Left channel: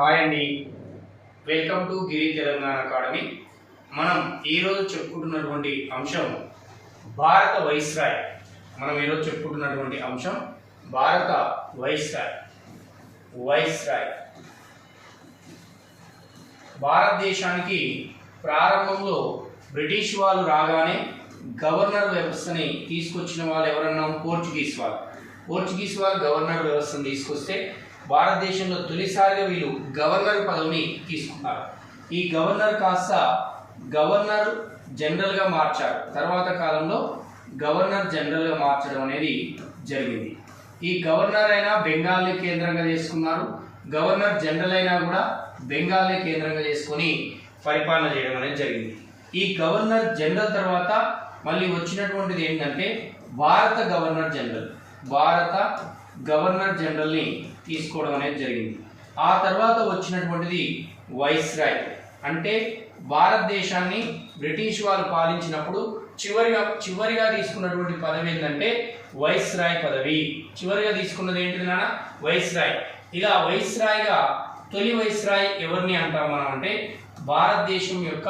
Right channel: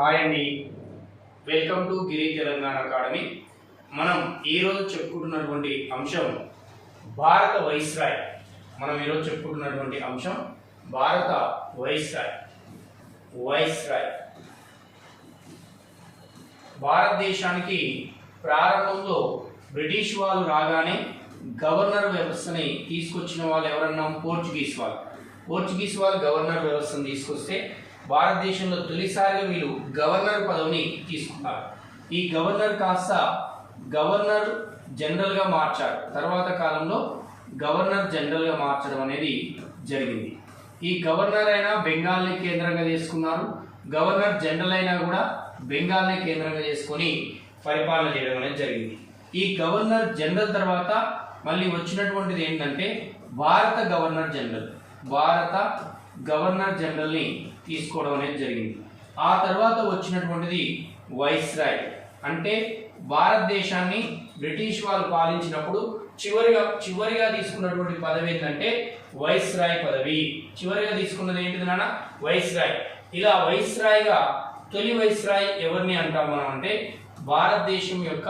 Hi అండి, welcome to Giri Telangana academy. మనం ఈరోజు చెప్పుకుంటున్నటువంటి అంశం భారత వైస్రాయ్. భారత వైస్రాయ్. భారతదేశానికి ప్రారంభంలో బ్రిటిష్ వాళ్ళు రాగానే గవర్నర్ వ్యవస్థని తీసుకొచ్చిన వాళ్ళు ఎవరన్నాం? పోర్చుగీస్ వాళ్ళు గవర్నర్ వ్యవస్థను తీసుకొస్తే భారతదేశంలో తొలిసారిగా వీళ్ళు గవర్నర్ పదవిని తీసుకున్నారు. ఈ గవర్నర్ కాస్త గవర్నర్ జనరల్గా మార్చారు. తర్వాత కాలంలో గవర్నర్ జనరల్గా మార్చడం అనేది జరిగింది. ఈ గవర్నర్ అయినా బెంగాల్ని కేంద్రంగా చేసుకున్నారు, గవర్నర్ జనరల్ అయినా కూడా బెంగాల్ని కేంద్రంగా చేసుకొని పరిపాలన చేయడం అనేది జరిగింది. ఈ గవర్నర్ జనరల్ తర్వాత మళ్ళీ వచ్చినటువంటిది ఏంటంటే భారత గవర్నర్ జనరల్ని తీసుకోవడం అనేది జరిగింది. ఆ తర్వాత వచ్చినటువంటిది వైస్రాయ్. అంటే భారతదేశాన్ని బ్రిటిష్ వాళ్ళు పాలించినప్పుడు చివరిగా తీసుకున్నటువంటి పదవి ఏంటంటే వైస్రాయ్ పదవి. చివరిగా తీసుకున్నది ఏంటిది నాన్న? వైస్రాయ్. ఇలా వైస్రాయ్గా తొలి వైస్రాయ్ ఎవరిని అంటాం మనం అంటే భారతదేశం యొక్క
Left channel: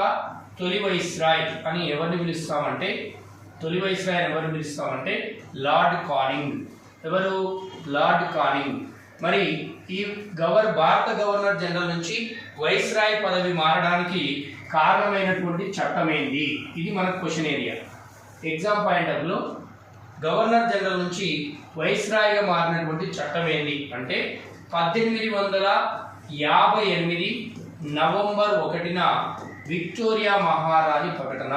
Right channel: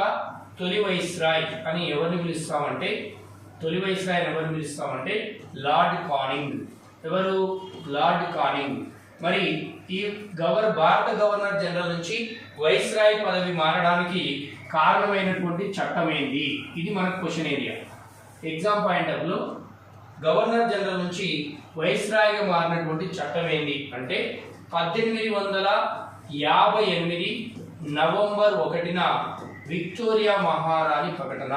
తొలి వైస్రాయ్ అని ఎవరిని పిలుస్తామంటే లార్డ్ కానింగ్. ఎవరు? Lord Canning. మరి ఈ భారత గవర్నర్ జనరల్ నుంచి వైస్రాయ్ పదవి మారడానికి కారణమైనటువంటి చట్టం ఏంటి? ఇది మనకు question area. Exam point of లో గవర్నర్ జనరల్ నుంచి వైస్రాయ్గా మారినటువంటి చట్టం ఏంటి అంటే 1858 నవంబర్ 1న విక్టోరియా మహారాణి ప్రకటన.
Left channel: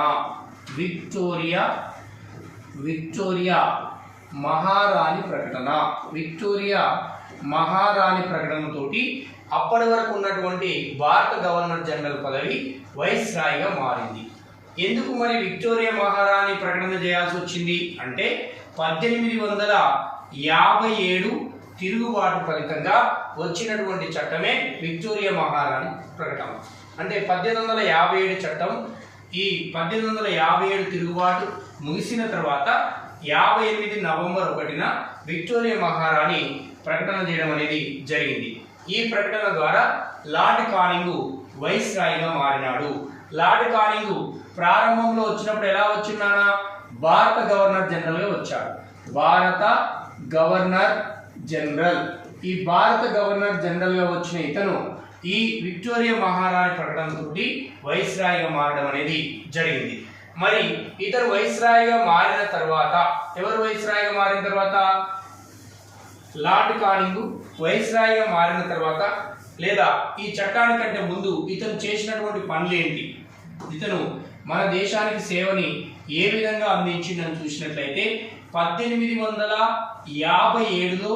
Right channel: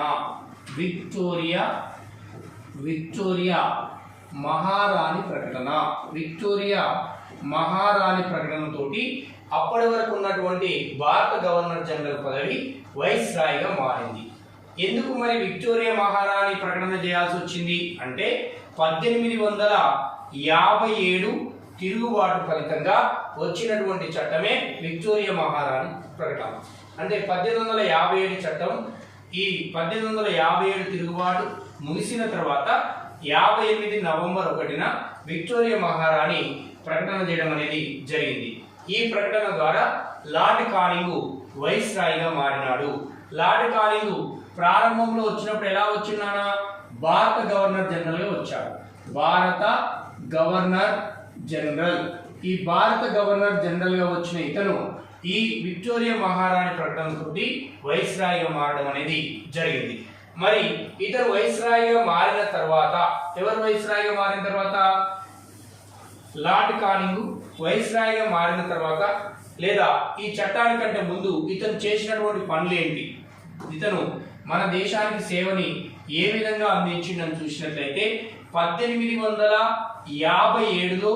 విక్టోరియా మహారాణి ప్రకటనతోటి అప్పటి వరకు ఉన్నటువంటి భారత గవర్నర్ జనరల్ పదవి వైస్రాయ్గా మారింది. ఎందుకు మరి విక్టోరియా మహారాణి ప్రకటన చేయాల్సి వచ్చింది అంటే 1857 తిరుగుబాటు ఫలితంగా వచ్చినటువంటి చట్టమే విక్టోరియా మహారాణి ప్రకటన. అంటే 1857 చట్టం, ఈ 1857 తిరుగుబాటు ముగిసిన తర్వాత 58 నవంబర్ 1న విక్టోరియా మహారాణి ప్రకటన చేయడం అనేది జరిగింది. ఈ ప్రకటన ద్వారా లార్డ్ కానింగ్ వైస్రాయ్గా మారినాడు. లార్డ్ కానింగ్ ప్రారంభంలో వచ్చినప్పుడు ఎలా వచ్చినానా? భారత గవర్నర్ జనరల్గా వచ్చాడు. ఈ భారత గవర్నర్ జనరల్గా వచ్చిన ఇతను ఈ విక్టోరియా మహారాణి ప్రకటనతోటి వైస్రాయ్గా మారడం అనేది జరిగింది. మరి ఇతను వైస్రాయ్గా మారిన తర్వాత లార్డ్ కానింగ్ వైస్రాయ్గా మారిన తర్వాత లేదా ఈ చట్టానికంటే ముందు ఇతను చేసినటువంటి పనులు ఏంటి? ఇతను మన దేశానికి సేవని ఏ విధంగా అందించిందని చూసినట్లయితే 1857లో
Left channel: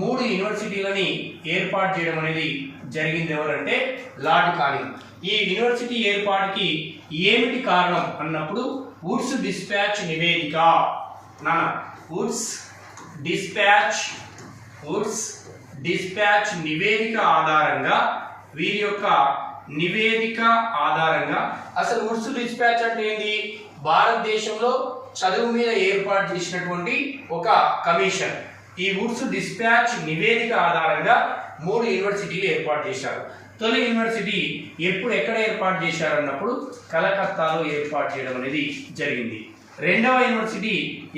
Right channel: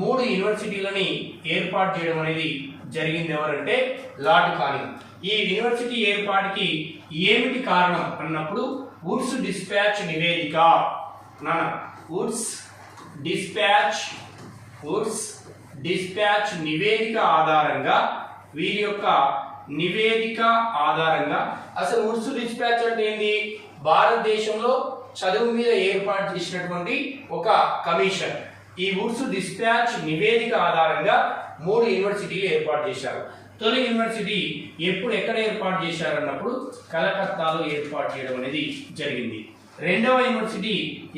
3 యూనివర్సిటీలని ఏర్పాటు చేయడం అనేది జరిగింది. ఎవరంటే లార్డ్ కానింగ్. ఈ యూనివర్సిటీ ఏర్పాటుకి ఏమిటి కారణం అన్నప్పుడు వుడ్స్ డిస్పాచ్ నివేదిక ఆధారంగా వీరి యొక్క నివేదిక ఆధారంగా అసలు వుడ్స్ డిస్పాచ్ అంటే ఏంది? భారతదేశంలో చదువు మీద ఏర్పాటు చేసినటువంటి ఒక కమిషన్. ఈ వుడ్స్ డిస్పాచ్ నివేదిక ఆధారంగా 3 యూనివర్సిటీలు ఏర్పాటు చేశారు. తొలి యూనివర్సిటీ ఎక్కడ ఏర్పాటు చేశారన్నప్పుడు కలకత్తాలో ఏర్పాటు చేయడం అనేది జరిగింది. రెండవ యూనివర్సిటీ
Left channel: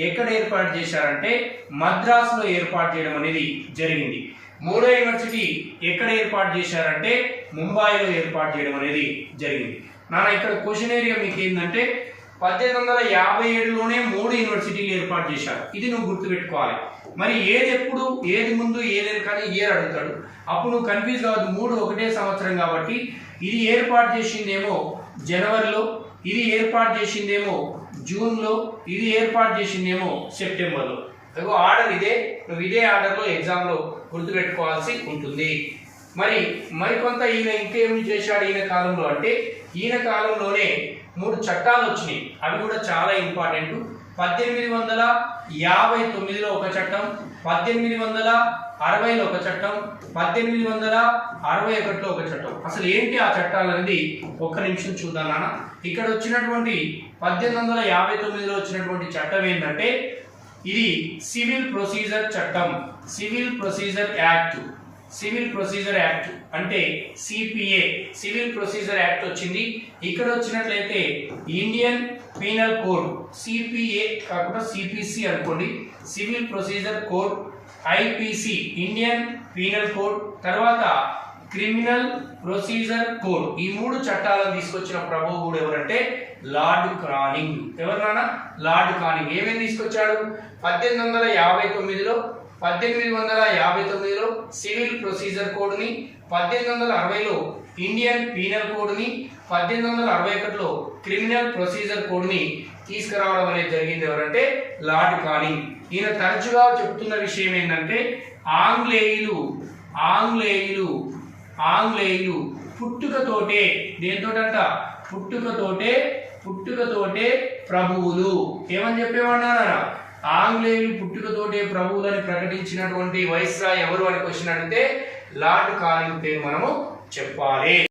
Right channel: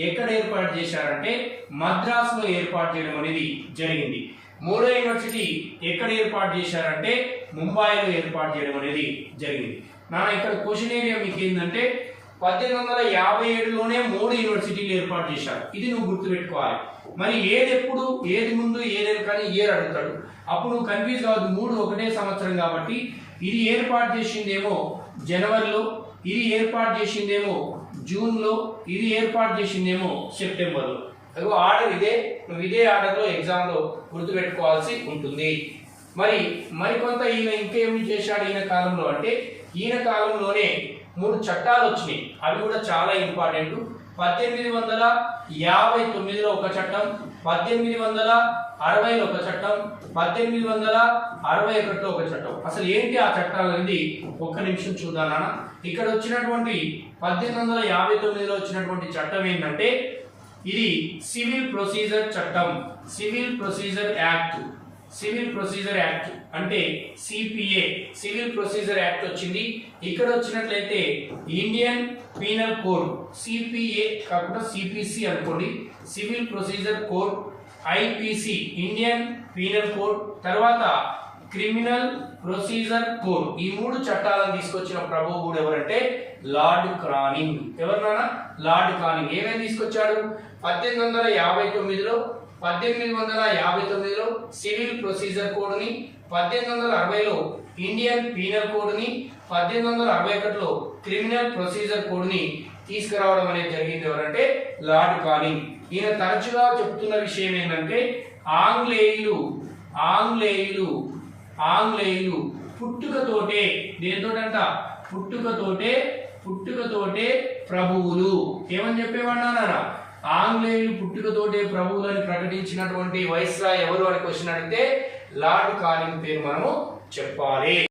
ఎక్కడ ఏర్పాటు చేశారంటే మద్రాసులో ఏర్పాటు చేయడం అనేది జరిగింది. మూడో యూనివర్సిటీ ఎక్కడ ఏర్పాటు చేశారంటే ముంబాయిలో ఏర్పాటు చేయడం అనేది జరిగింది. ఇక్కడ క్వశ్చన్ ఏరియా మీకు ఏంటంటే 1857లోనే 3 యూనివర్సిటీలు ఏర్పాటు చేశారు. ఇది నువ్వు గుర్తుపెట్టుకోవాలి. మరి ఏది ముందు ఏదేది కానీ ఇయర్ అడుగుతాడు. అప్పుడు నువ్వు కన్ఫ్యూజ్ కావద్దు. 3 ఒకటే సంవత్సరం కాబట్టి ఇది ఏర్పాటు చేసిందేమో జనవరిలో, ఇది ఏర్పాటు చేసిందేమో జూన్లో, ఇది ఏర్పాటు చేసిందేమో సెప్టెంబర్లో. ఆర్డర్ ఇదే. నువ్వు ఇదే ఆర్డర్లో ఎగ్జామ్లో గుర్తుపెట్టుకోవాల్సి ఉంటుంది. మరికొంత ఈయన ఇంకేమి చేశాడు ఈయన కాలంలో అంటే ఈయన కాలంలోనే 3 చట్టాలు వచ్చినాయి. అవి కూడా చాలా ఇంపార్టెంట్. 1859లో ఒక చట్టం, 1860లో ఒక చట్టం, 1861లో ఒక చట్టం. అసలు ఏంటి ఆ చట్టాలు అనేది ఒక్క నిమిషం చూద్దాం నాన్న. ఇక్కడ వచ్చినటువంటి 1859లో వచ్చినటువంటి చట్టం ఏంటంటే ఇది సివిల్ ప్రొసీజర్ చట్టం, civil procedure act. Civil procedure act అంటే సిపిఏ సివిల్ ప్రొసీజర్ యాక్ట్ వచ్చింది. ఇక్కడ వచ్చినట్లయితే ఇండియన్ పీనల్ కోడ్ సిపిఏ కాకుండా సిపిసి అనుకోండి, civil procedure code, IPC Indian penal code, తర్వాత క్రిమినల్ ప్రొసీజర్ కోడ్. ఈ 3 చట్టాలను తీసుకొచ్చిన ప్రభువు ఎవరంటే లార్డ్ క్రానింగ్. ఎవరన్నా లార్డ్ క్రానింగ్ ఏమేమి తీసుకొచ్చాడు? 1859లో 1859లో సివిల్ ప్రొసీజర్ కోడ్ ని, 1860లో ఇండియన్ పీనల్ కోడ్ ని, 1861లో క్రిమినల్ ప్రొసీజర్ కోడ్ ని తీసుకురావడం అనేది జరిగింది. ఎవరంటే లార్డ్ క్రానింగ్. ఈయన తరచుగా చెప్తున్న విషయం ఏంటంటే ఆంగ్లేయులు పుట్టుకతోటే దేంతోటంట పుట్టుకతోటే ప్రభువులు ఏమని చెప్పేమన్నారా? ఆంగ్లేయులు పుట్టుకతోటే ప్రభువులని ప్రకటించినటువంటి వైస్రాయ్ ఎవరు అని క్వశ్చన్ అడిగితే లార్డ్ క్రానింగ్ పేరు మనము చెప్పాలి.